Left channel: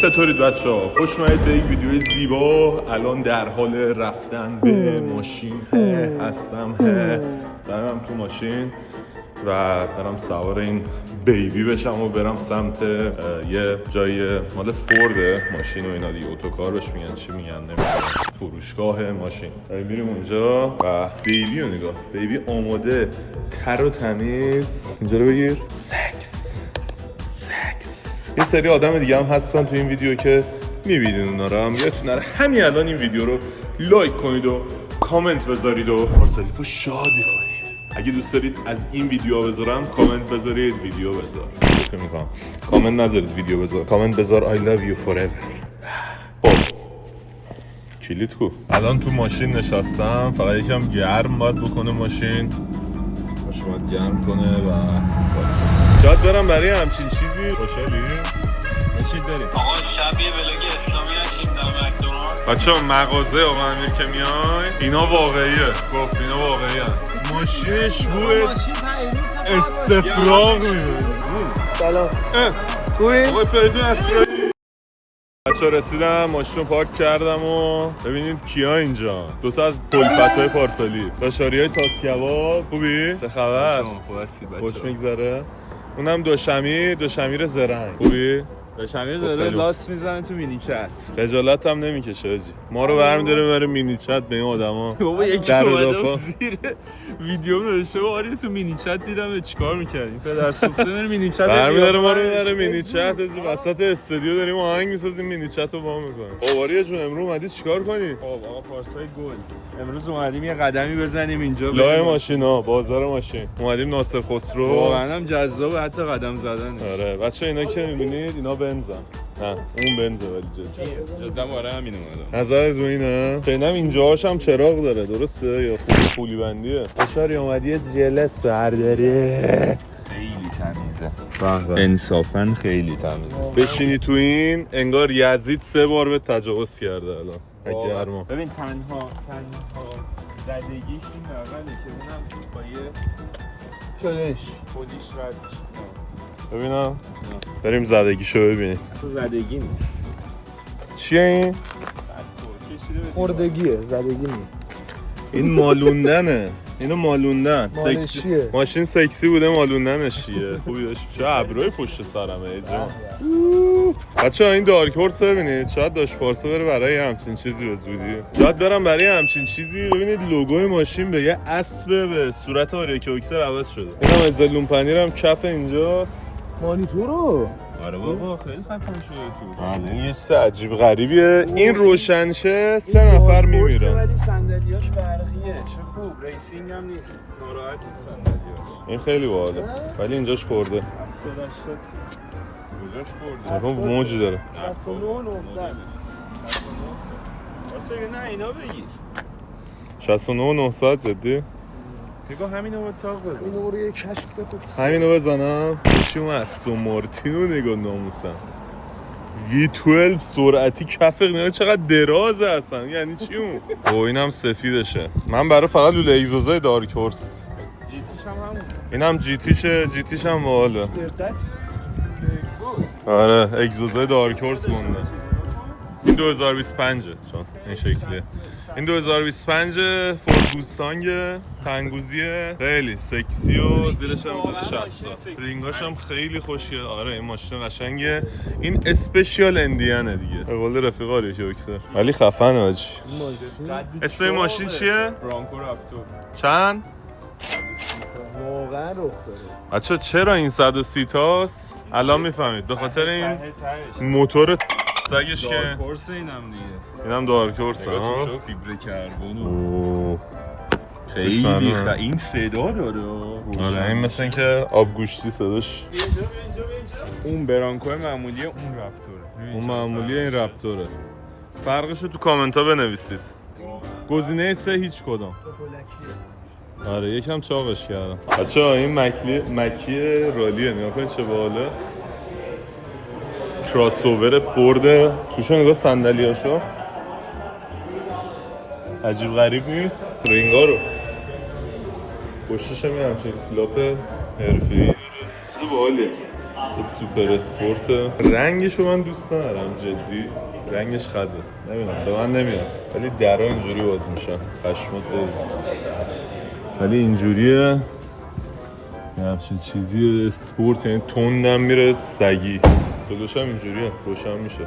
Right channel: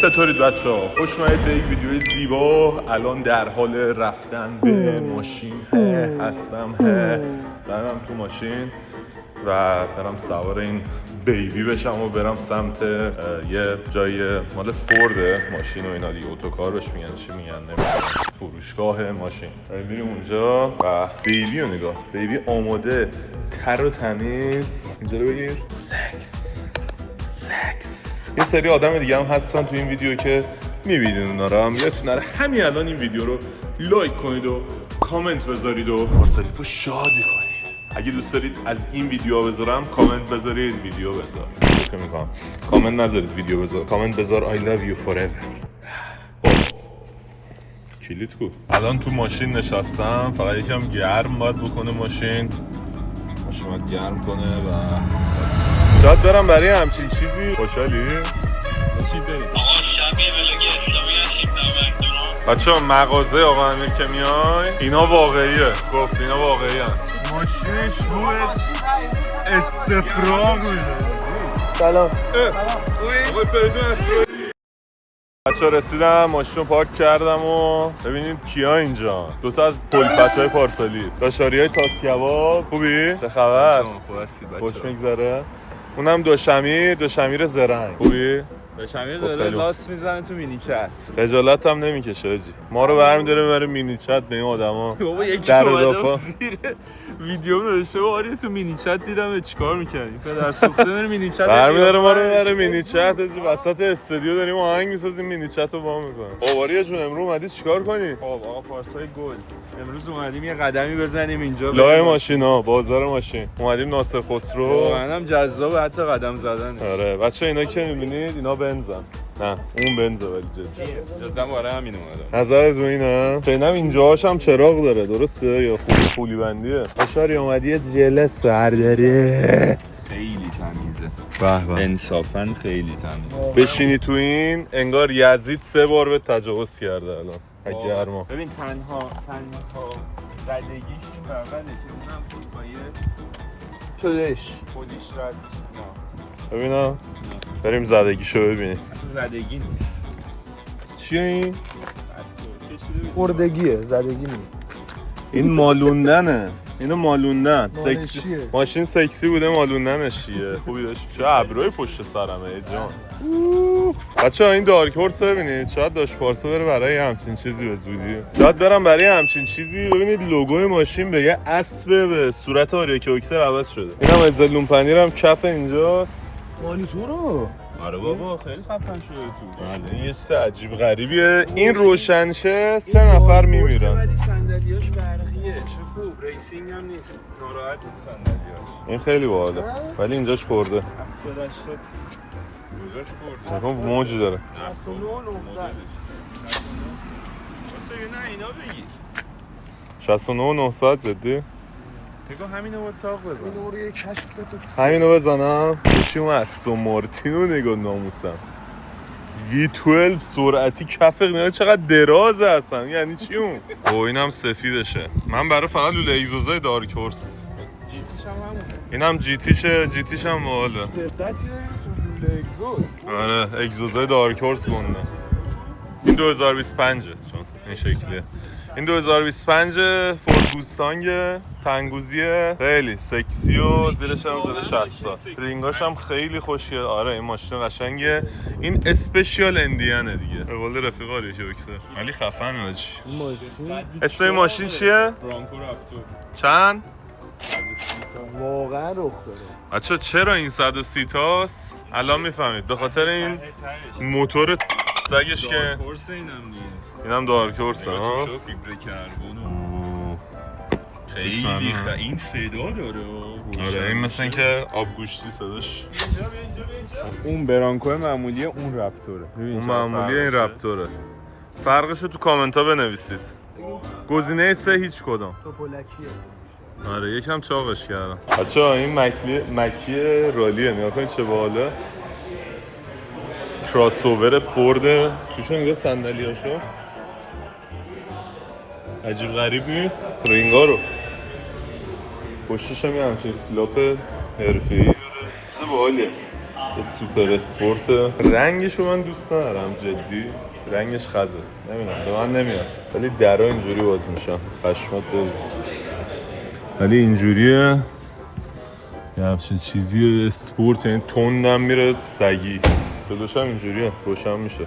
چطورید بچه‌ها؟ خوش اومدید به یک ویدیوی زیبا. الان در حال رفتن به ماشین هستم. برم تو ماشین و برم سوار این بیبی بشم و برم سمت یه جای مال فورده ماشین و اینا دیگه، اتوکار بهش میگن، چی میگن نمیدونم، فروشگاه ماشین. میریم اونجا و بیبی رو نگاه، بیبی آماده تر و تمیز. اینجا رو بگیر. سکس. یه سری آدم دیگه هم هستن تو این ویدیو که میبینید اونا رو، هم یادتون نره همین الان این ویدیو رو لایک کنید و کامنت بذارید و پارسالیکو شادی کنید. اگه دوست دارید از این ویدیو بذارم کامنت بذارید، ویدیو بذار. چه میگم؟ کامنت نذارید، ویدیو بذار. کامنت بذار I love you forever. کلید کو. الان تو ماشین نشستم، فقط یکم گرم باید بکنه ماشین باید گرم کنه و گاز. شاید برم برای همچین چیزی. خوشحالی؟ بشید بریم. آقا شبیه ولاگ اسلامی هستیم در مکدونالد. بچه‌ها مغازه آقا امیر که میای اینا واقعیه، گفت اینا واقعی هست. ماشینش روی استفراغ میده. سلام. خوبی؟ آقای فریدون اسرائیلی. بچه‌ها رسیدم، ماشین رو پارک کردم و ببینید کیا اینجا. دوتا از پلفت‌های پارسالی، داشاریای تاس کباب. خوبی؟ چه خبر؟ خوب هستی بچه‌ها؟ خوش میگذره. اونم دوشمیر زرنگ. خوبی؟ داشمیر داره لاس میزنه تو مینی چت. خجالت هم نمیکشه آجی. ما رو برمی‌داره میبره مینی چت به این آدما. بابا یکی اومدم زیر ویدیو نوشته آره تو مینی چت دیدم چیکار می‌کردی؟ پدر سوخته میره مینی چت. برمی‌داره ما رو ببره مینی چت. وسط استودیو داریم آهنگ می‌سازیم، مینی چت رو وا می‌کنیم. آواریا جون امروز اومدی چیکار کنی؟ آقا پارسای گل. امروز اومدیم یه قدمی بزنیم اینجا لای ماشینا، بازار ماشین. اومدیم ناصر خسرو. منم جذاب حتی قدم زدنه. آره بچه‌ها اینا که می‌بینید اینا بنزن. نه اون بنزه ولی جدا آره همین اومدم. نظرت رو اینه؟ فعلا اینجاهاش هم چراغ داره درسته یا پولی بندیه؟ اشاری اومدی جل سرداری. خیلی تمیزه. انصافا خیلی تمیزه. بشینی تو این انگار یزید 3 بار به تجاوز کرده الان. گرما. ببین تنها زدگیش این بغله که اونم با یه پولیش رد. ببینم بریم زدگیشو ببینیم. زدگی نیست. چیه این؟ خوردگیه، زدگی نیست. این مالوندنه. اینو مالوندن. سکسی. ماشین سکسی بوده، مالوندنش چیه؟ خوبی داشت. چه ابروی پشت سرمه ای جان. بچه‌ها این دارک هورس ببینید، شاید داش پارسا بره برای همچین چیزی به زودی. شاید برم برای همچین چیزی. ببینید لوگوی ماشین به یه اسب به صورت آریاکوکسر عوض شده. اینم از زلون پنیرم کف اینجاست. مانیتورو. آره بابا خیلی خفن شده تو. این یه چیز عجیب غریبیه. این روشنشه 3 نفر میمیرن. ولی صندلیاش برقیه. خوب ریسینگ هم نیست. ناراحت نیست صندلیاش. این خیلی باحاله. ولی اینجاش خورده. کجاش خورده؟ مثلا موج داره. 69900. واسه نه اینا بگیر. 69900 جدی؟ تگو همینو با تاق بزن. اینو رو یه کشت بکن. همینو بزنم. بشیم استون مارتین رو نگاه ناموسم. V12 سرعتی کف نگاه چقدر درازه اصلا. یعنی چی اون؟ او اینم سفیدشه. من برای فقط لوله اگزوزای دارک هورس. جیتیش هم همون. اینم جیتیش هم باحاله. آره اگزوزای دارک هورس گنده است. این 2025 چون این شکلیه. این 2025 فورد موستانگ تنگوزیه، خیلی سکسی و زیرش هم زده 60 تا. رینگاش هم خیلی خوشگله. آره این ماشین قشنگه. این اسپشیال اندیانه دیگه. به قول رفیق آریاکوکسر. ولی خفنه آج. اسم این ماشین چیه؟ برانکو رپتور. چند؟ واقعا رخ داره. بچه چرا این 130 تاست؟ الان میفهمید. به خاطر این موتور سگش که کورس اینم دیگه. اینم دارک هورس ها. خیلی این صدا داره. آره این مثل این که آبگوشتی صداش. اون برانکو معمولیه، اون رپتوره. اون معمولیه، این رپتوره. فرقشو تو کامنت ها بنویسید. گزینه 3 هیچ کدام. آره یکم چاقش کردم. بچه‌ها این مکی رالیه، نگاه کنید چه باحاله. کراسوور فورد. توشو نگاه صندلیاشو. عجیب غریب نیست؟ رینگا رو پشتش هم همچین فلاپ حرفه‌ای داره. باحاله. سوپر اسپورت. رنگشو من دوست ندارم جدی، رنگش خزه، نمیدونم به من نمیاد، ولی درها اینجوری باز میشن پشمات بریز، ولی اینجوریه یه همچین چیزی اسپورت، یعنی تندم میره سگی، جلوش هم اینجوریه روشن میشه.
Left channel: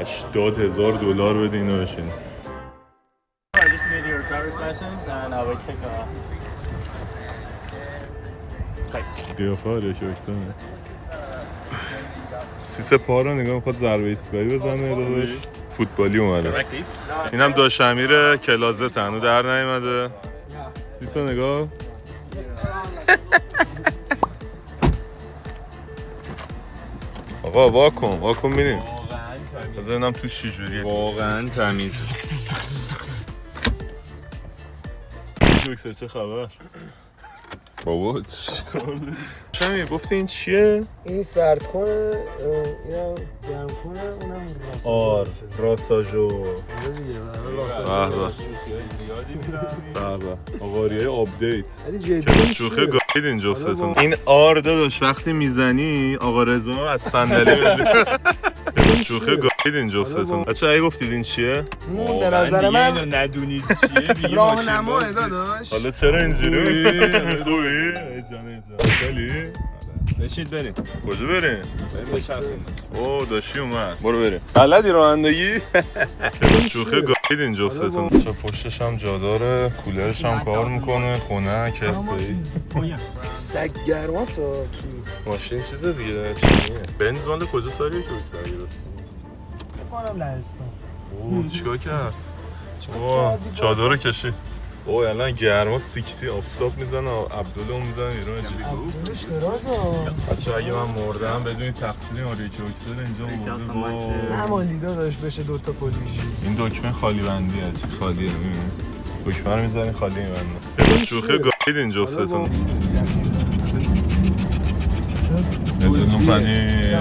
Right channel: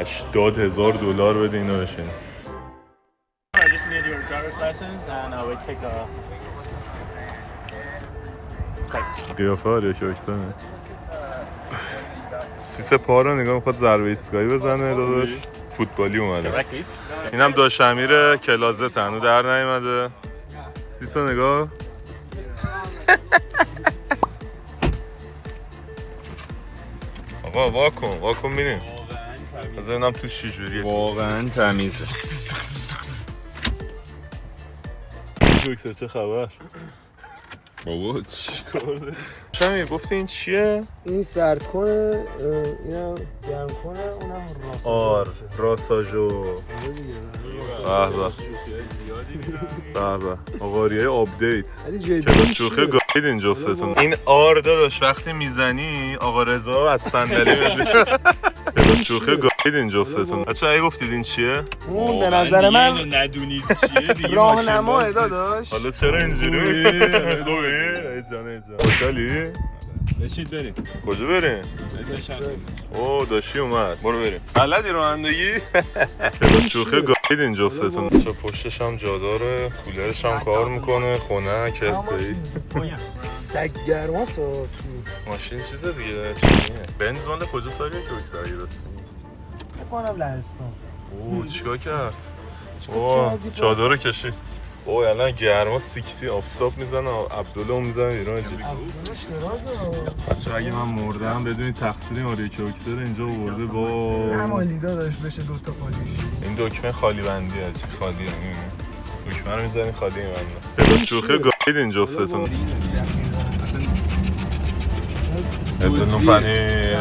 80,000 بده اینو بشین. I just need your driver's license and I will take a قیافه ها ریاکشنه. سیسه پا رو نگاه میخواد ضربه ایستگاهی بزنه داداش، فوتبالی اومده. اینم داش امیر کلازه تنو در نیومده. سیسه نگاه. آقا واکن میریم. از اینم تو چجوریه واقعا تمیز. دوکسر چه خبر؟ بابا چیکار داری؟ شمی گفتی این چیه؟ این سرد کنه، اینم گرم کنه، اونم راساژو. به آقاریه آپدیت. ولی جدی که شوخی گاید این جفتتون. این آر داداش وقتی میزنی آقا رضا از صندلی میاد. شوخی گاید این جفتتون. بچه‌ها اگه گفتید این چیه؟ اون به نظر دیگه من اینو ندونید چیه دیگه. راهنماه داداش. حالا چرا اینجوری میکنی؟ خوبی؟ ای جان خوشحالی؟ بشید بریم. کجا بریم؟ بریم بچرخیم. اوه داشتی اومد، برو بریم. بلدی رانندگی؟ شوخی گاید این جفتتون. چه پشتش هم جا داره، کولرش هم کار میکنه، خونه کفی. سگ گرماست تو ماشین چیز دیگه چیه؟ بنز مال کجا سالیه که بیشتر اگه راستی؟ بکنم لهستان. اوه چیکار کرد؟ اوه چادر کشی. اوه الان گرما سیکتی آفتاب میزنه، عبدالله میزنه ایران اینجوری. اونش درازه. بچه اگه من مردم بدونید تقصیر ماریو کوکسر اینجا آورده با همالی داداش بشه دوتا پولیش. این دکمه خالی بندی از خالیه، میبینی؟ دکمه رو میزنی خالی میبنده. شوخی گاید این جفتتون. اتنون پنیر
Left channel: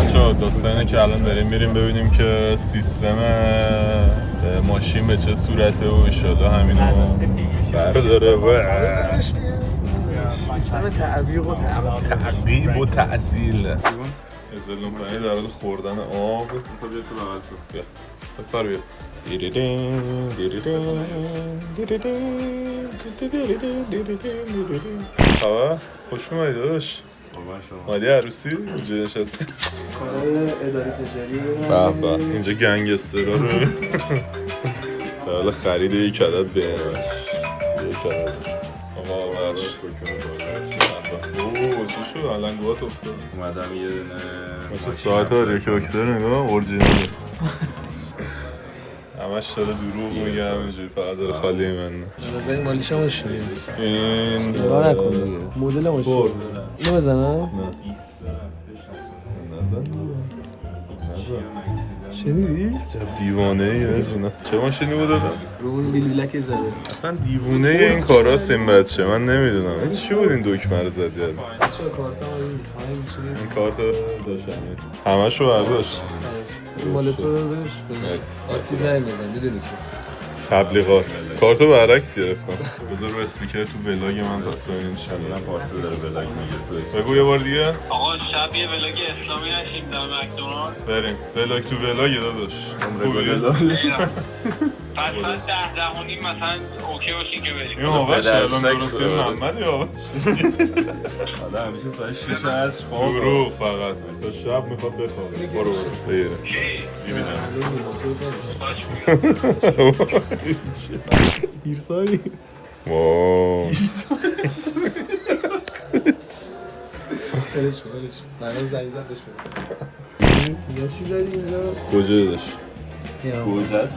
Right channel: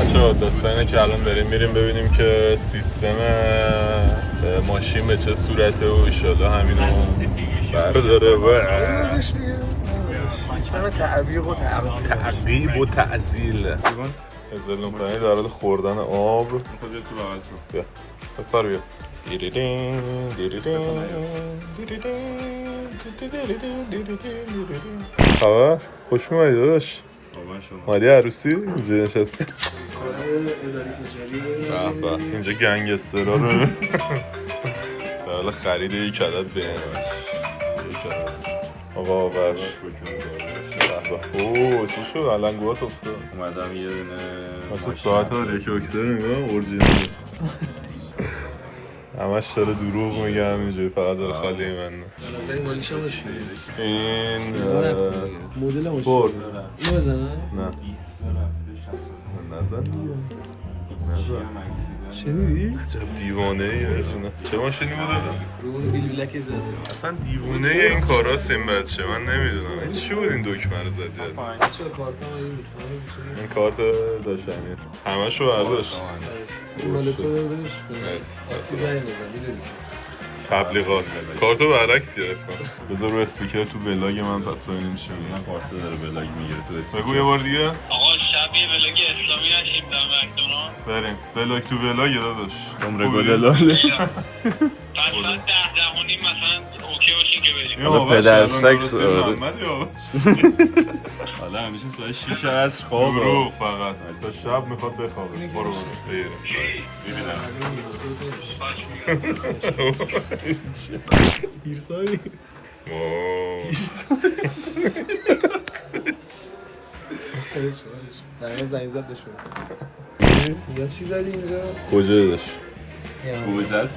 بچه‌ها داستان اینه که الان داریم میریم ببینیم که سیستم ماشین به چه صورته و ایشالا همینو برداره و سیستم تعبیق و تعزیل. اتنون پنیر در حال خوردن آب. بیا بپر بیا. خبر؟ خوش اومدی داداش. مالی عروسی اینجا نشستی. اداره تجاری به به اینجا گنگسترها رو در حال خرید یک عدد بنز. یک عدد آقا بخش اوه چی شد؟ علنگوات افتاد. اومدم یه دونه بچه ساعت ها ریکوکسر نگاه اورجینالی همش داره دروغ میگه، همینجوری فقط داره خالی من. نظر مالیش هم نشونید این نگاه نکن دیگه مدل ماشین برد. اینو بزنم؟ نه نزن شنیدی؟ عجب دیوانه ای نه چه ماشینی بود دادم؟ رو اون بیل بلک زده اصلا دیوونه این کاراست این بچه، من نمیدونم این چی بود این دکمه رو زد یاد. چرا کارت هم این این کارت داشتنیه همه شو برداشت. این مال تو رو برش مرسی. اصلا زنگ بزن میدونی که تبلیغات کارتو برعکس گرفتم. بذار رو اسپیکر تو ولاگ من پس ببینیم چی میگم. پارسه داره ولاگ میگیره تو بگو یه بار دیگه. آقا شب یه ولاگ اسلامی نشیم در مکدونالد. بریم ولاگ تو ولاگ داداش. خوبی؟ پس من 10 مثلا اوکی باشین که بریم. این آقاش پدر الان سکس درستی داره. محمد یا حالا همیشه ساعت 6 عصر خواب دروغ فقط تا شب میخواد بخوابه. برو بگیره ایرسایی واو ولش نه زنگ زدش اینجا چی زدی اینجا؟ گوجه داشت گوجه است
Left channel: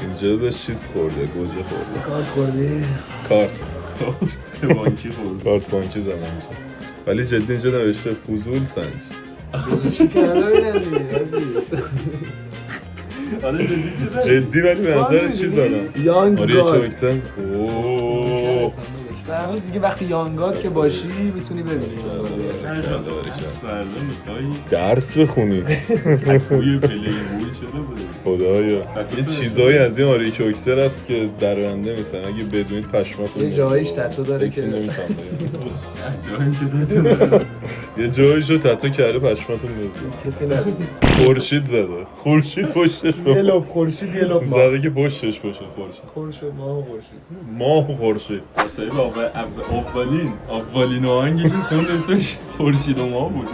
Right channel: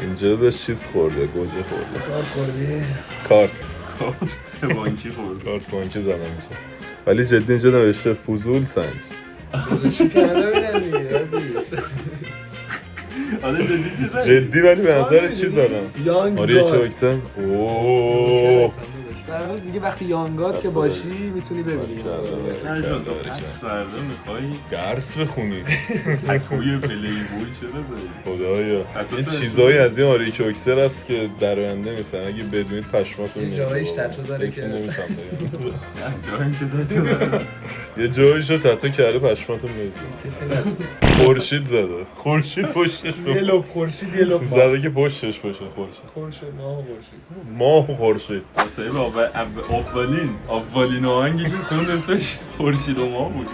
اینجا داشت چیز خورده گوجه خورده. کارت خوردی؟ کارت بانکی خورد. کارت بانکی زدم اینجا ولی جدی اینجا نوشته فضول سنج. گذاشتی کنه نبینم دیگه جدی ولی به نظر چی زدم؟ یانگ آره یکی گاد اکسن اوه در حال دیگه وقتی یانگاد که باشی میتونی ببینی. فردا میخوایی درس بخونی تکوی پلی بوی چرا داری؟ خدایا یه چیزایی از این آریک اکسر هست که در آینده میفهمم اگه بدونید پشماتون یه جایش تتو داره که نمیتونم بگم یه جایشو تتو کرده پشماتون میزه کسی ندید. خورشید زده خورشید پشتش یه لب خورشید یه لب زده که پشتش باشه خورشید ماه و خورشید اولین آهنگی که خوند اسمش خورشید و ماه بود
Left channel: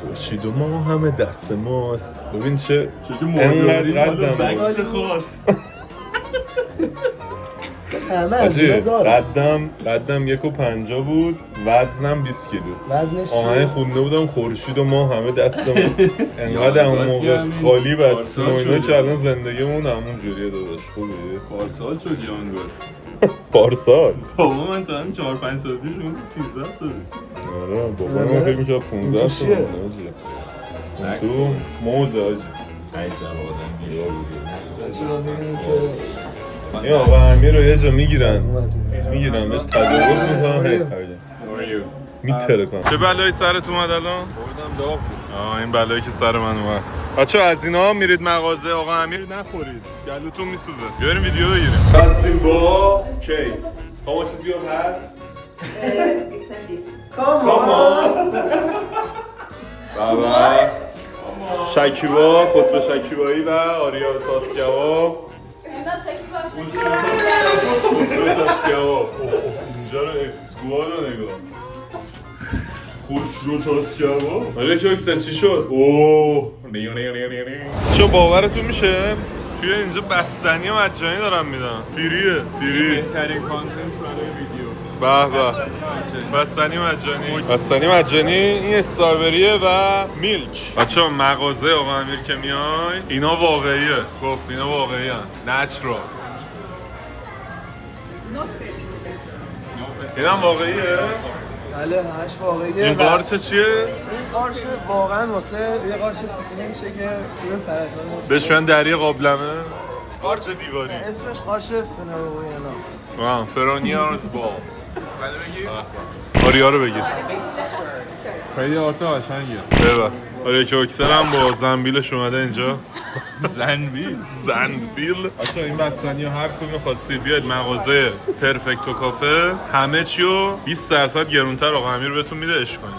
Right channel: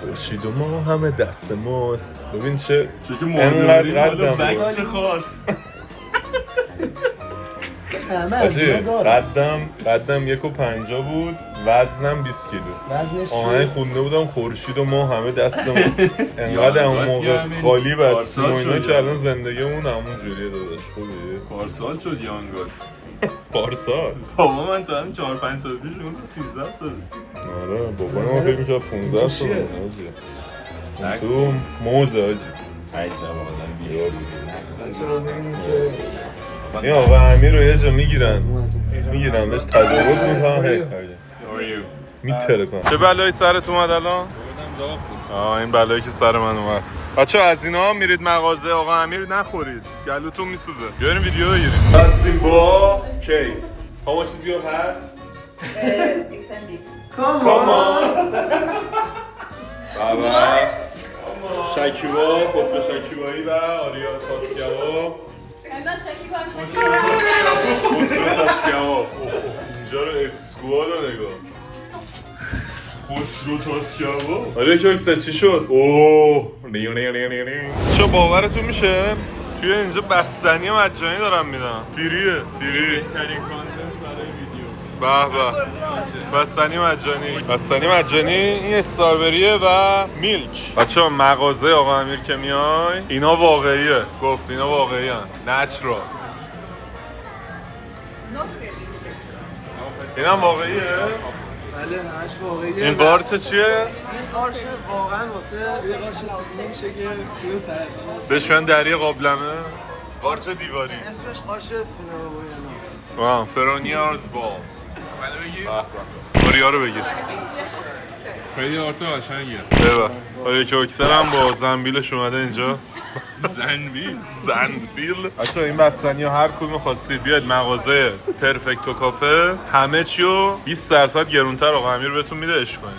خورشید و ماه همه دست ماست ببین چه انقدر قدم بود قدم 1.50 بود وزنم 20 کیلو آهنگ خونده بودم خورشید و ما همه دستمون انقدر اون موقع خالی بستیم و اینا که الان زندگیمون همون جوریه داداش خوبه پارسال شد یانگاد پارسال بابا من تا همین 4-5 سال پیش اون 13 سال آره بابا من فکر می‌کردم 15 سال اون تو موزه آجی این آقا امیر رو یه جا میگیرن بهش تجاوز میکنم میتره کنم چه بلایی سرت اومد الان؟ داغ بود این بلایی که سر من اومد بچه از اینا میرید مغازه آقا امیر نخورید گلوتون میسوزه بیاریم ویدیو بگیریم هستیم با کیت How much is your hat? Expensive. Come on بابا شکیبا خسرو شکیبایی و آریا تاسکیوا I'm not Shakiba. خسرو تاسکیوا اینجا رو اسکواد رو نگاه خسرو تاسکیوا آریا که اکسر چی شد؟ اوه چه باورتون میشه؟ توی اینجا بستنی مجانی دارم میدم فریه فری بهترین کانتنت برای ویدیو به بستنی مجانی این استرابریه و میلک بچه مغازه آقا امیر که میای اینا واقعیه گفت اینا واقعیه نچرال این هم واقعیه؟ بله همش واقعیه. این قارچ چیه؟ این قارچ واقعا واسه یه قارچ سفینه میشه که توی سرطان هست. بهش میگن دری قابلمه؟ قارچ دیواری اسمش قارچ فنایویاناست. فرونیارز با آریا رو بگیر خیلی آرتا قشنگه ببر آریا که اکسر هم با زنبیلش اومده اینجا زنبیل بچه این بستنی ها هر کدوم خواستید بیاید مغازه پرفکتو کافه همه چی رو 20% گرونتر آقا امیر بهتون میده اش کنید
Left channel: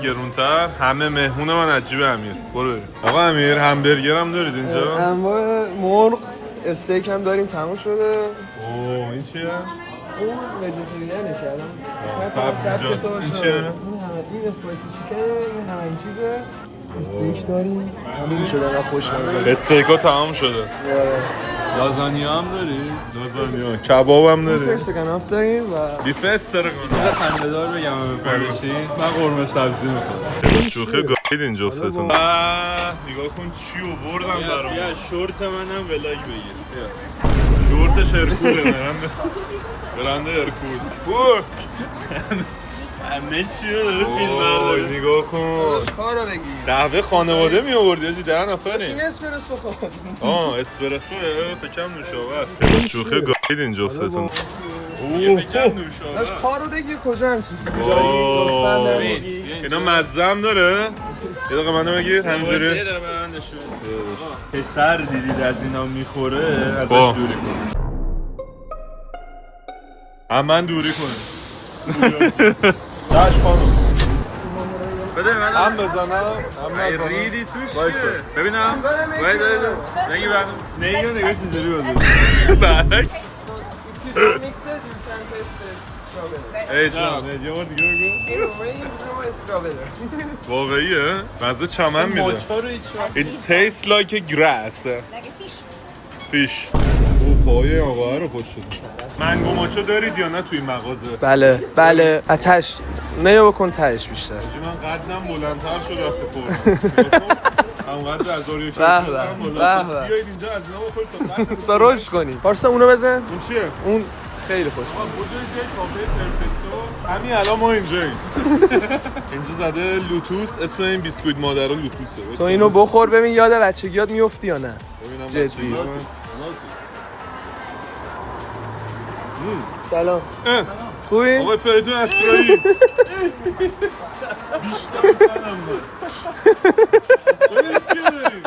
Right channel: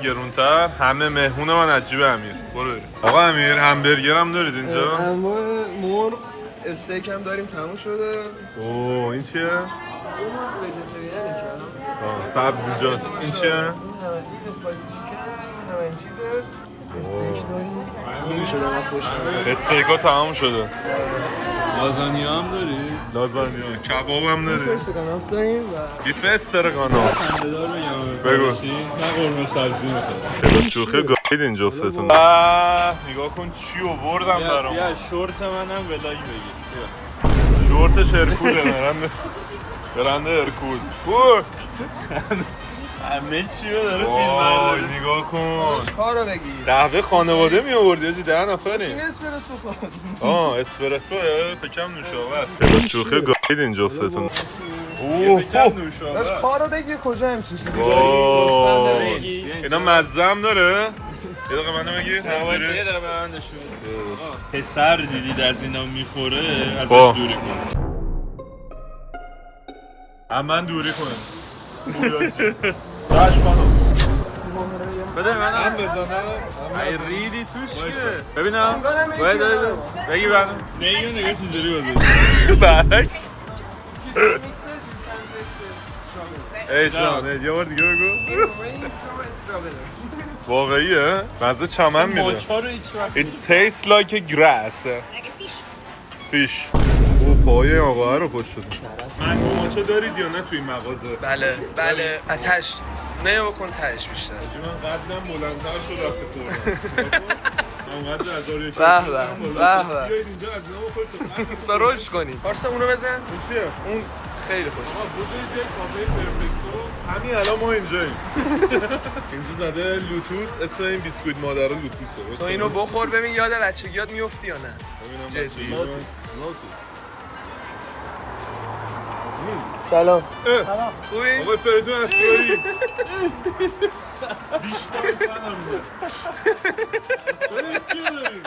25% گرونتر همه مهمون من عجیب امیر برو بریم آقا امیر همبرگر هم دارید اینجا؟ انواع مرغ استیک هم داریم تموم شده اوه این چیه؟ اون ویژیتریانه کردم سبزیجات این چیه؟ این همه این اسپایسی چیکنه این همه این چیزه استیک داریم تموم شده من خوش نمیاد استیکا تمام شده لازانیا هم داری؟ لازانیا کباب هم داری استرگاناف داریم و بیف استرگاناف خنده‌دار بگم بگوشی من قرمه سبزی میخوام چرا شوخی گاید این جفتتون نگاه کن چی آوردم برام بیا شورت منم ولاگ بگیر شورتش هرکوله برنده هرکول همه چی رو داره وای نگاه کن کار رو بگیر قهوه خانواده می آوردی آجی 10 نفریم این اسپرسو خواست اسپرسوه فکرم نوشابه است شوخی گاید این جفتتون از کار رو بگیر کجا همچین چیزی وای داری اینا مزه هم داره یه دقیقه منو بگیر یه داره من نشون پسر دیدید از اینا میخوره ازش خب. دوری کن هم من دوری کنم داش خانم بده من هم بزنم ای ریدی توش که ببینم بگی برم نگیو نگاه چجوری بازه برعکس ای جان یه بار دیگه بگو واقعیه؟ مزه چمن میده It tastes like a grass Like a fish. fish او پای آقا رو خوش شده منگو ماچو دارید یا نه توی این مغازه؟ بله آتش نه بکن تهش بیشتر من قدم بلندتر شد وقتی خورد همونقدر از آریا که بیایید اینجا از نام خود تا روش کنیم پارسا اونو بزن این چیه؟ اون خیلی خوش آقا بزرگ کافه پرفکتو همین الان ما اینجاییم اینجا زده لوتوس اسم این بیسکویت مادر لوتوسه تو اینو بخور ببین یاد بچگیات میفتی یا نه ببینم جدی سلام خوبی؟ آقا فریدون اسرایی بیشتر فنم بود خودت کی داری؟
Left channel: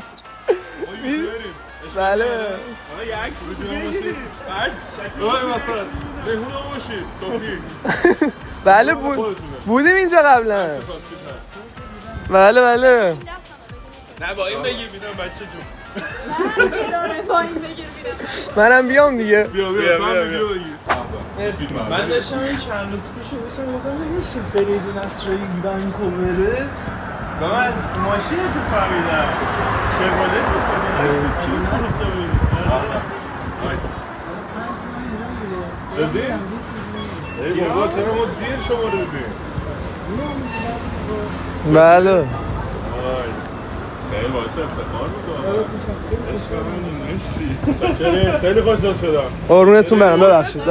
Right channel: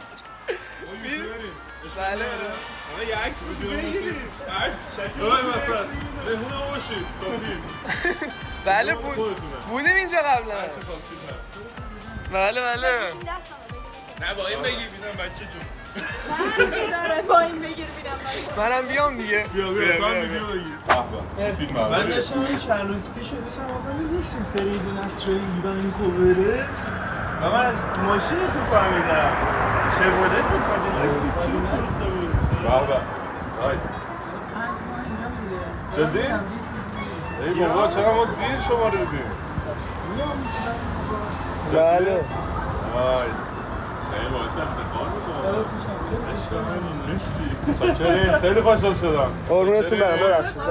بله آقا یه عکس بگیرید عکس؟ آقا مثلا مهمون آقا باشید کافی بله بودیم اینجا قبلا بله نه با این بگیر بیدون بچه جون من داره با این بگیر بیرم منم بیام دیگه بیا تو هم ویدیو بگیر من داشتم این چند روز پیش رو بسیم بودم نیستیم فریدون اسرایی ونکووره و من از ماشین تو فهمیدم شبوله تو فهمیدم جدی؟ ای بابا چرا ما دیر شما رو دیدیم؟ بله نایس خیلی باعث افتخار میکنم عشق من مرسی شکرین خیلی خوشحال شدم قربونتون برم ببخشید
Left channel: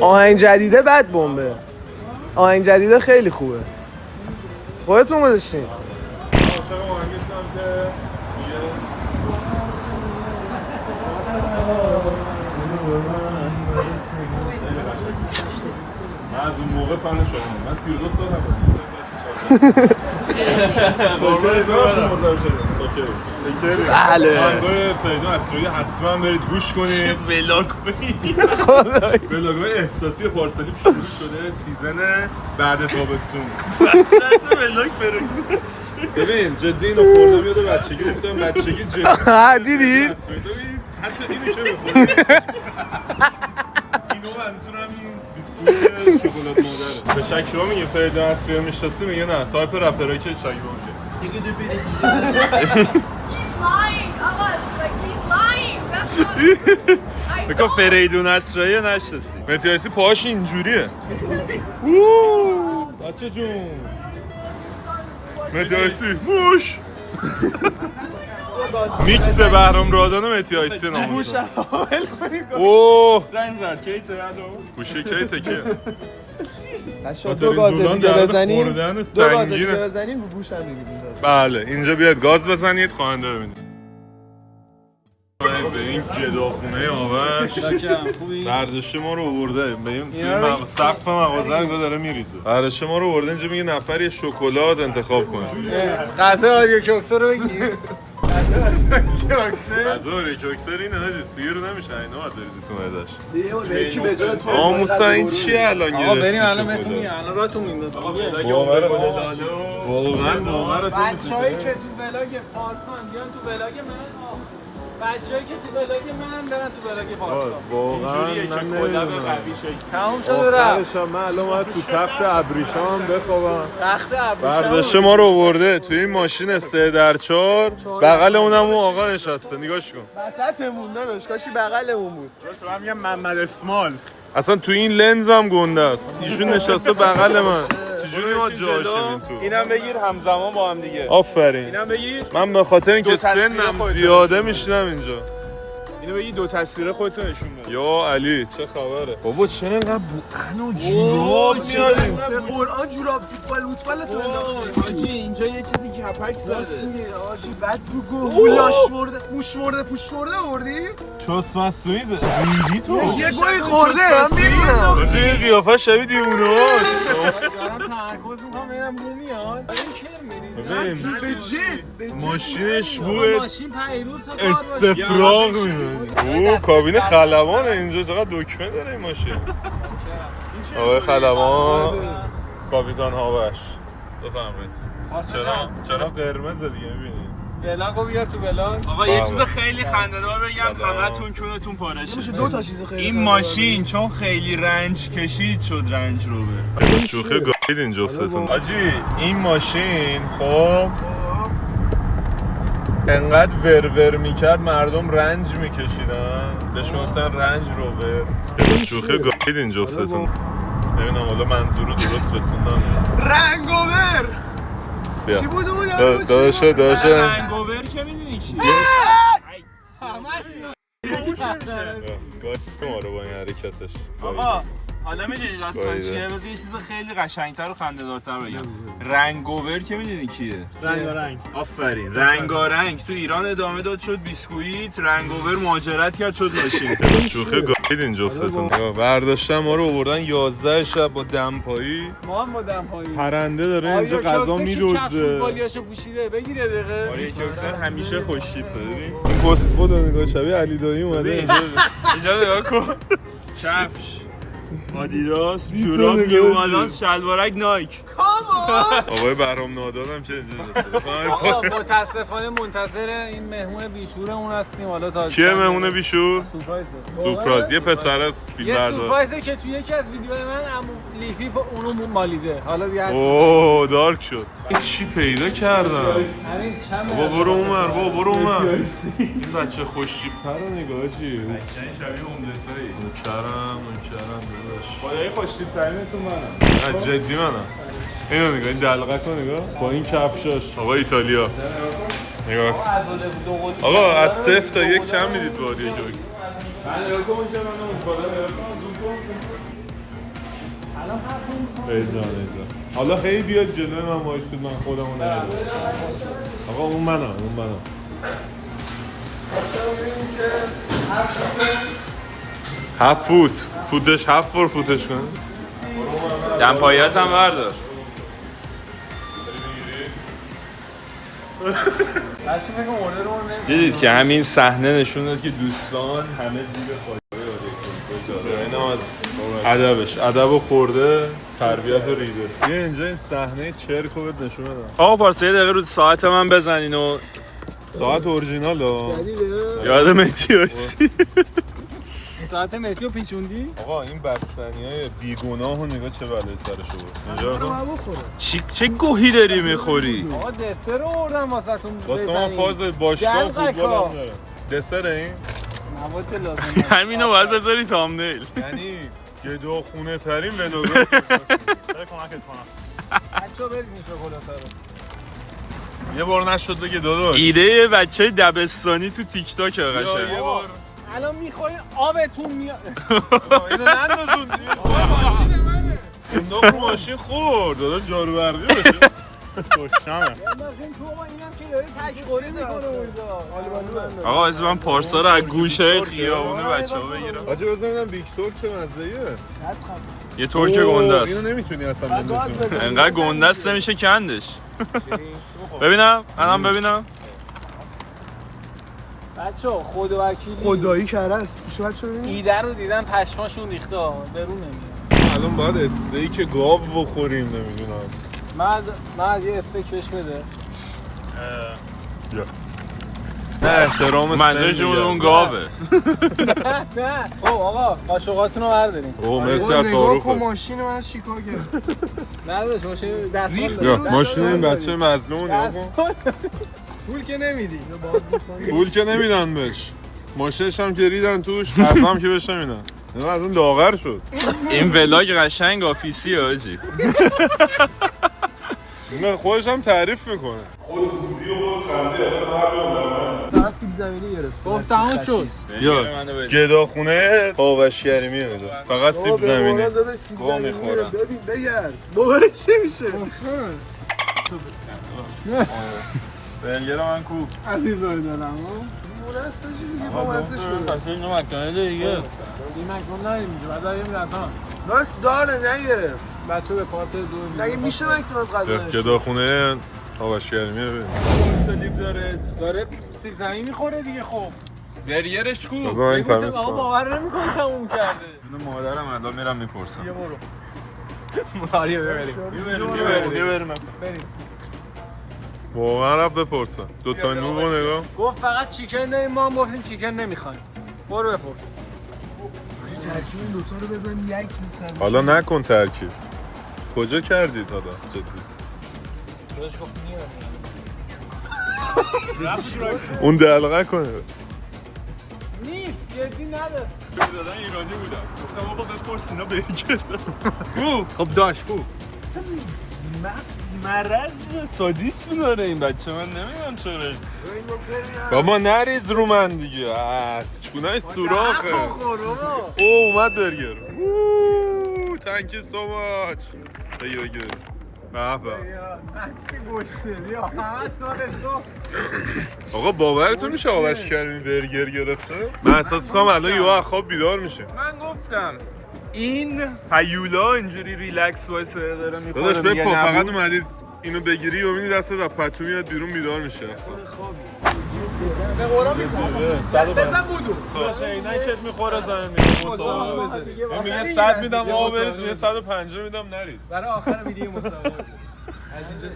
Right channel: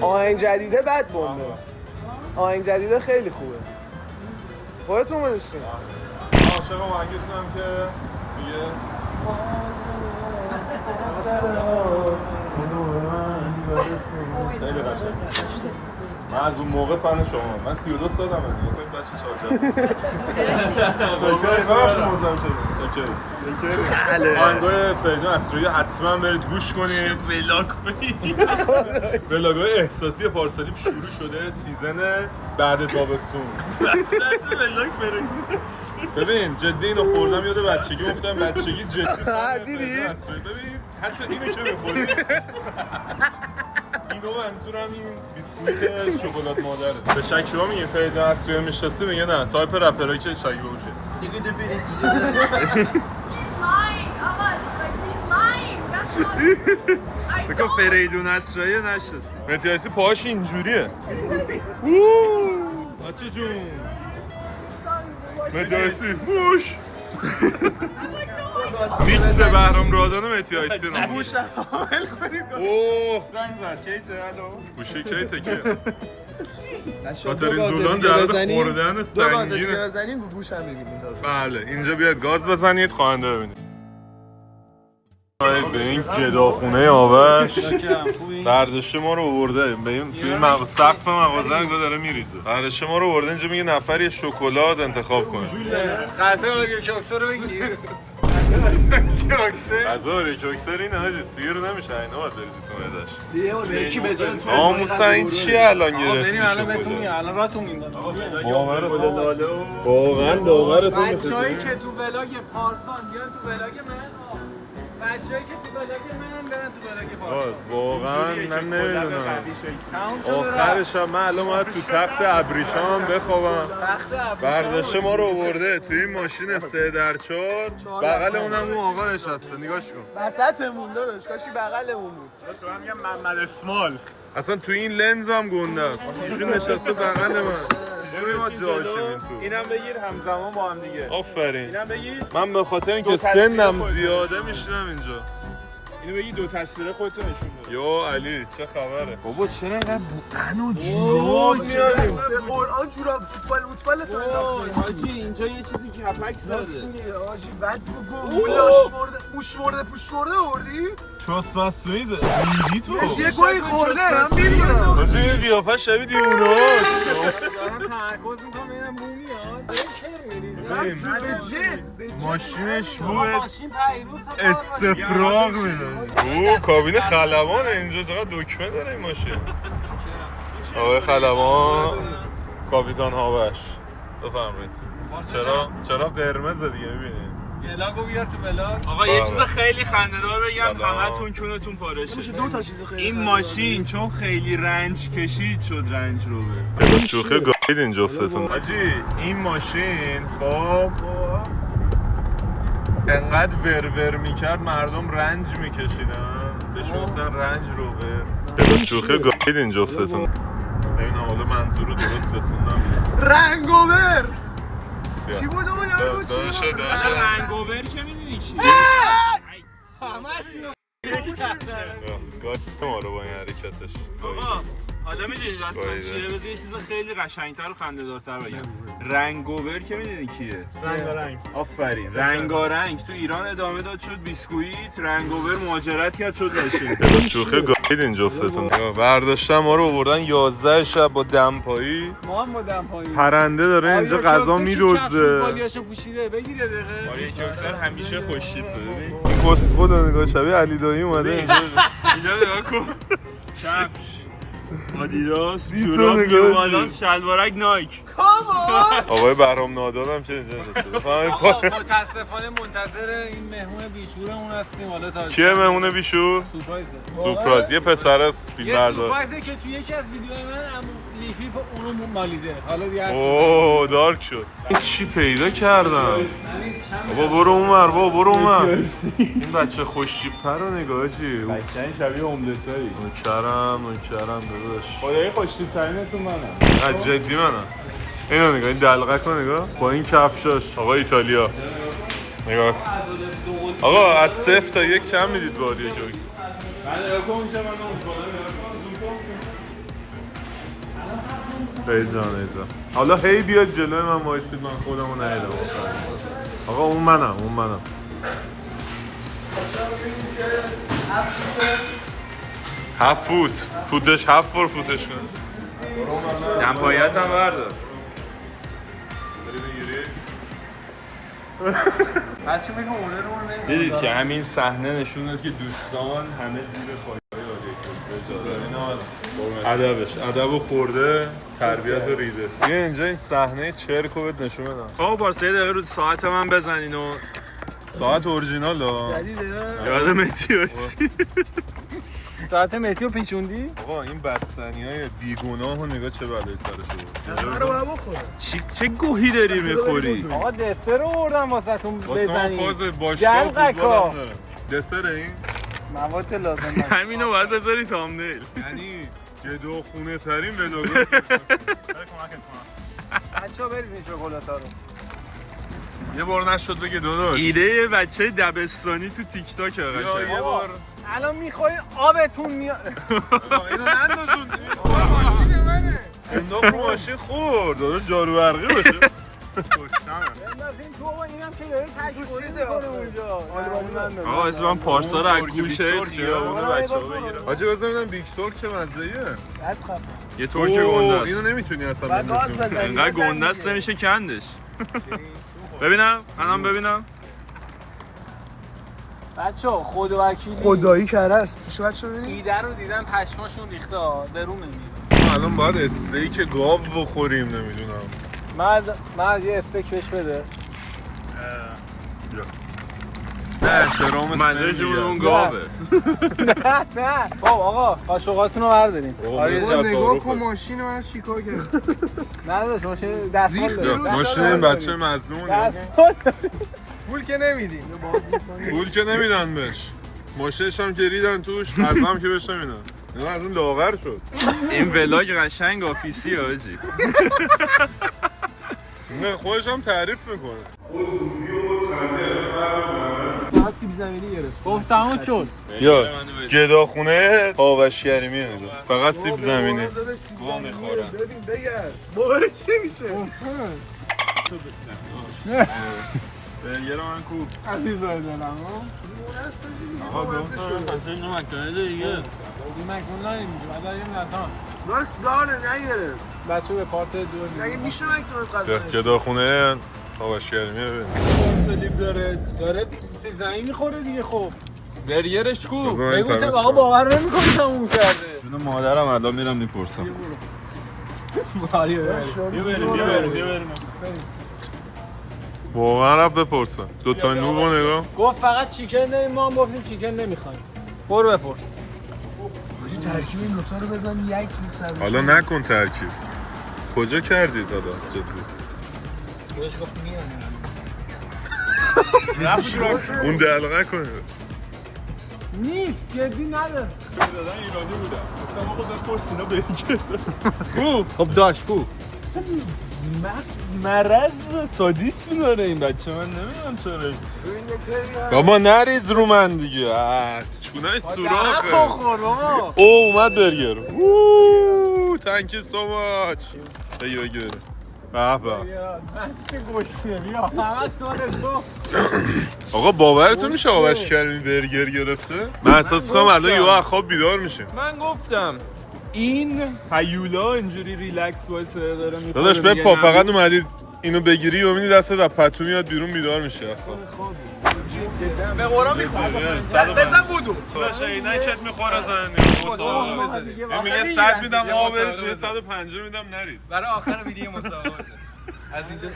آهنگ جدیده بد بمبه آهنگ جدیده خیلی خوبه خودتون گذاشتین عاشق آهنگتونم که یه خیلی قشنگ من از اون موقع فن شما من 32 سالمه بله آهنگای فریدون اسرایی حتما برید گوش کنید ولاگ‌های احساسی پارسالی شروع شده سیزن بعد تابستون ببین جدی اینو خوردم یاد بچگی افتادم بچگی جدی دیدی؟ ببین حتی اینو که می‌خوری اینو منظورم این بیسکویت شکلات مادره به شک شما میگه فریدون اسرایی میشناسی میگه نه تایپ رپرایی که شاگی باشه He's lying. Come on, like he's lying. That's not. بکن فریدون اسرایی نشناسی متیاسی پاهاش اینجوریه بچه جون متیاسی موش میکس بهرام رادان و متیاسی ناموش اوه گوشه کیته که دو دولان گازه در بزنیم خوردن دو گازه سنگینه بزنیم رو گوش هم می‌بینیم بله اینجا بیاد گاز بزنید خواننده ببینید به این گداخونه آوش برداشته ما رو آورده به این توی سقف مغازه انگار داره میریزه برداشته ما رو آورده اینجا میگه نفر یه شکلات انتخاب کنه قطعه آریو کوکسر رو بگیر غذا آریو کوکسر اینه حاجی سیر نمیشه اینا باید بریزی تو معده‌اش یه بار یکی به جای تو آموسا این چیه الان گرفتی بریم الان بهتون میگم الان راهتون میندازم باورتون بچه‌هایی که تو ولاگ پارسان بیان تو ولاگ من بچه‌هایی که تو ولاگ منم برن تو ولاگ پارسان واقعا من نمیدونم آخرش هم من الان باید تو تخت ابریشم بخوابم برداشته ما رو آورده توی این ماشین 3x4 بغل اونم اون آقا نشسته نگاش کن وسطمون داداش کاشی بغلمون بود من یه محمد اسمال اصلا تو این لنز هم گنده است ایشون نشسته بغل من چجوری ما جاشیم این تو اینم بگیر همزمان با هم دیگه آفرین اینم بگیر من به خاطر اینکه سنم زیاده میشینم اینجا اینو بگیر دو تصویر خودتون نشون بده یا علی چه خبره بابا چرا انقدر بوئن و جوراب میاریم به قرآن جوراب فوتبال تو انداختیم حاجی اینجا یه چیزی کپک زده حاجی بد بگو لاش مرده موش مرده پوش مرده آوردی؟ چوس مسویز ریدی تو یه گوی خورده هم میدونم باشه این قیافه شبیه دیونه هاست دارم تمرکز میکنم ببینم رو میاد ماشینش بود ماشین پیروز استفراغ میدونی اوه کابین خلبانه اینجا چقدر دکمه داره این ماشین آقای خلبان کاپیتان هاوش بفرمایید چرا قرمزه دیگه میبینی ولاگو بیار تو ولاگ آقا یه چیز خیلی خنده‌دار بگم همتون چونتون پارشه میشه دو تا چیز خیلی این ماشین چون خیلی رنج کشید شد رنج روبر شوخی گاهید این جفتتون آجی این ماشین خب انقدر ورور میکرد مردم رنج میکشیدن بهش میگفتن رنج روبر شوخی گاهید این جفتتون ببینم حالا منظور رو درست رسوندم رنگوور چی بود اون یا داشته رنگوور که میدونی چیه همش گاهید ما رو با این حرکتش آقا حالا میدونی داستان چیه؟ بذار یه چیز خیلی قشنگتر و خنده‌دارتر بگم. رنگوور که میدونی کیه؟ رنگ آفرین. رنگارنگ تو ایران ادامه داد شد بیسکویت، رنگوور مهاجرت کرد شد ماشین. شوخی گاهیدین جفتتون. برداشتن ما رو آوردن 11 شب با دمپایی. ما هم با دمپایی پرنده داره اینجا غذا میدوزه. بالیاشو پوشیده بگیر یه دقیقه. آره کوکسر همیشه خوشتیپه ببین. این کسبو رو نگاه شبیه علی دایی اومده اینجا. اینجا نگاه کن. کفش آدیداس، سیسو جوراب نگاه نیو بالانس، شلوارک نایک. آقای بهرام نادان هم چه اینجا نشسته. آقا متاسفانه منتظر این مهمون بیشورمون هستیم. حالا تا کیه مهمون بیشور؟ سورپرایزه. سورپرایز. یه پسر است فیلم یه بردار. سورپرایزه که تو یکی از ویدیوهای من عمو لیپی اونو مالیده. حالا دیگه اوه دارک شد. چی پیدا کردم؟ بابا برو اونور، بابا برو اونور. این بچه خوش‌تیپ‌تر رو نگاه چی؟ قشنگ شبیه هوملسایی. نوکرم داداش. آره خوشتیپ‌ترینتون منم. جدی منم. اینو نگاه، این دلقک رو نگاه با این کفشاش. آقا ایتالیا نگاه کن. آقا از 0 تا 1 چند میدید باری جوکس؟ من نگاه کن چه من اون بالا نگاه کن زوم کن. ایزان. حالا هی بیاد جلوی من وایسید من خودمو ندیدم. آقا اون منم. فوتش 7 فوتش کن. دمپاییت هم بردار. بچه میگم اوردرمون نمیاد. دیدید که همین صحنه نشون داد که دوستان همه زیر پایه‌های آریکو. ادبو خورده، تربیت رو ریده. بیا اینجا این صحنه چرکو بهت نشون بدم. آقا پارسا یه دقیقه رو ساعت من بزنین و ساعت اورجینال ها. یاد مهدی هستی. ساعت متیو پیچوندی؟ آقا این بستنیای بیگناه و نگاه چه بلایی سرشو بود. چه گوهی داری میخوری؟ آقا دسر رو آوردم واسهتون واسه من فاز باشگاه و فوتبال هم داره. دسر این؟ مواد لازم. همینو باید بذاری تامنیل. یعنی گدو خونه ترین ملوگو. بچه‌ها برید این شکلات‌ها رو. یه بار نشد بگه داداش. ایده بچه دبستانی تو تیک تاک قشنگ. یه بار الان میخورین آبتون میاد. اینو نندازون. انداخت رو ماشین خورد. داداش جارو برقی بشه. آقا از من پارسا رو از گوشه خیابونه بچه ها بگیرم. آجه بزن ببینم ویکتور چه مزه‌ایه. یه ترک گنده است. اینو نمیتونی اصلا بندازی. انقدر گنده است نمیشه کندش. ببینم منم ببینم. بچه‌ها خدا وکیلی خدایی کرده است. توش بچه‌ها ببینید. ایده رو دیدن پشماشون ریخته درون نمیاد. الان باید استیک گاو بخوریم نمیدونم. من یه استیک بهش بده. احترام منظورشون اون گاوه. نه آقا با شوقاتون رو برداریم. نگاه کن ماشین من از چیکار کرد. نه داداش ماشین دست ماشین این بچه مظلوم نگاه کن. پول که نمیدی. پول که نمیدن بهش. ماشینش هم که ریدن توش، غذا هم که بهش نمیدن. نگاه از اون لاغر شد. این ولاگ قشنگ آفیسی آجی. نه خودش هم تعریف میکنه. فقط سیب زمینی گرفت. گفت تمام شد. یا گداخونه پاوشگری نگاه. فقط سیب زمینی. داداش سیب گوه زمینی می‌خوره. ببین بگرد. باورش نمیشه. بنگر من کوب. عزیزان دلم اینو مکنه دیگه. این مکرون نریم اینجا بعد بریم دنتان. داره نگرفت. بچه به پارت دو مگه میشه مکرون قضا گداخونه پاوشگری ببین. سلیب داره سیب زمینی میخوره دیگه. خب برگرش کو بذار این بگو تمیز آقا کنم. باور نمی‌کنی تموم کرده. جون مادرم الان میرم میپرسم. بریم. واقعا رفت بپرسم. دوتا نوب رو نگاه. گفت فقط چیکن نمیم ما هم گفتیم چیکن نمیخوایم. برو بپرس. ترکیب این دوتا رو بزن یک چیز سرش. حالا نکن ترکیب. کجا کردید حالا جدی؟ بهش گفت میام. اون دلقه کنه. نیست جدی نداره. دادن ایرانی بودن. گفتم آقا بپرس اینا برگر. خب داشت کو. مرض سادیسم داره این بچه من نمیدونم چرا. بابا نریز رو من دیگه. چونش سوراخه. اومد برگر. thank you so much. بگی بگی بگی. به به. آقا باورتون میشه آقاش کریمی برگر گرفته؟ من احساس کنم الان یهو از خواب بیدار میشه. من گفتم این هیولا اینجوری ریلکس وایسه داره میخوره. داداش بپا فقط اومدی اینو بگیری و میبینی دستت از پتو میاد بیرون بیدار میشه. به قرآن میکنم بزن بودو داداش عینکت میخوره زنی مسابقه. میگه 100 میدم آ بریز، میگه 150 میدم نریز. برای آخر ویدیو مسابقه از اینجا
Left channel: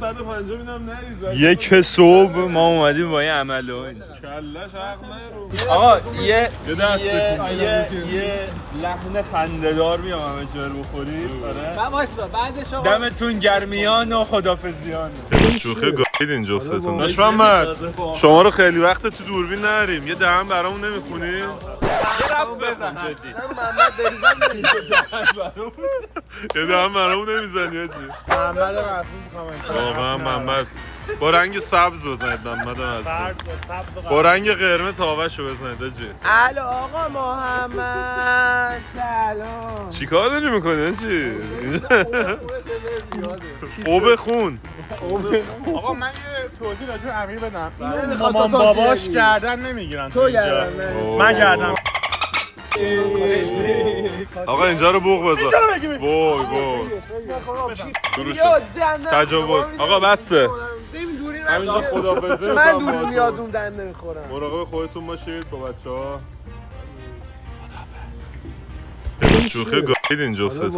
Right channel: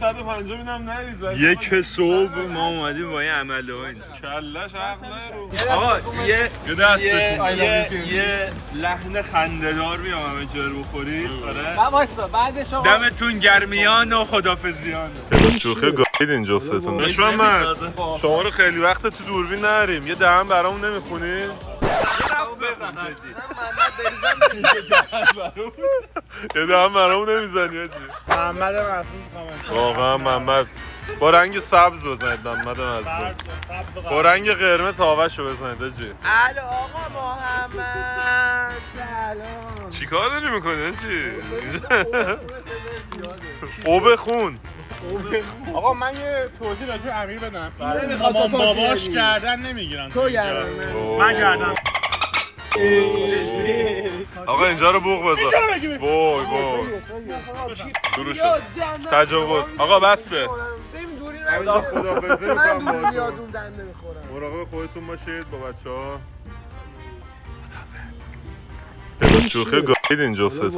150 میدم نریز. یک صبح ما اومدیم با این عمله ها اینجا کلش حق نرو. آقا یه دست یه لحن خنده‌دار میام همه جا رو بخورید. آره دمتون گرمیان و خدافظیان. شوخی گاید این جفتتون. دشمن شما رو خیلی وقت تو دوربین نریم. یه دهن برامون نمیخونی؟ یه دهن برامون نمیزنی هاچی؟ واقعا محمد با رنگ سبز بزنید. محمد مظلوم با رنگ قرمز هاوشو بزنید هاچی. الو آقا محمد سلام چیکار داری میکنی هاچی؟ اوب خون. آقا من یه توضیح راجع به امیر بدم. اینو مامان باباش گردن نمیگیرن. تو گردن من گردن. آقا اینجا رو بوق بذار. وای وای شروع شد تجاوز. آقا بسته. همینجا خدافظی میکنم با تو. مراقب خودتون باشید با بچه‌ها. خدافظ. شوخی گاید این جفتتون.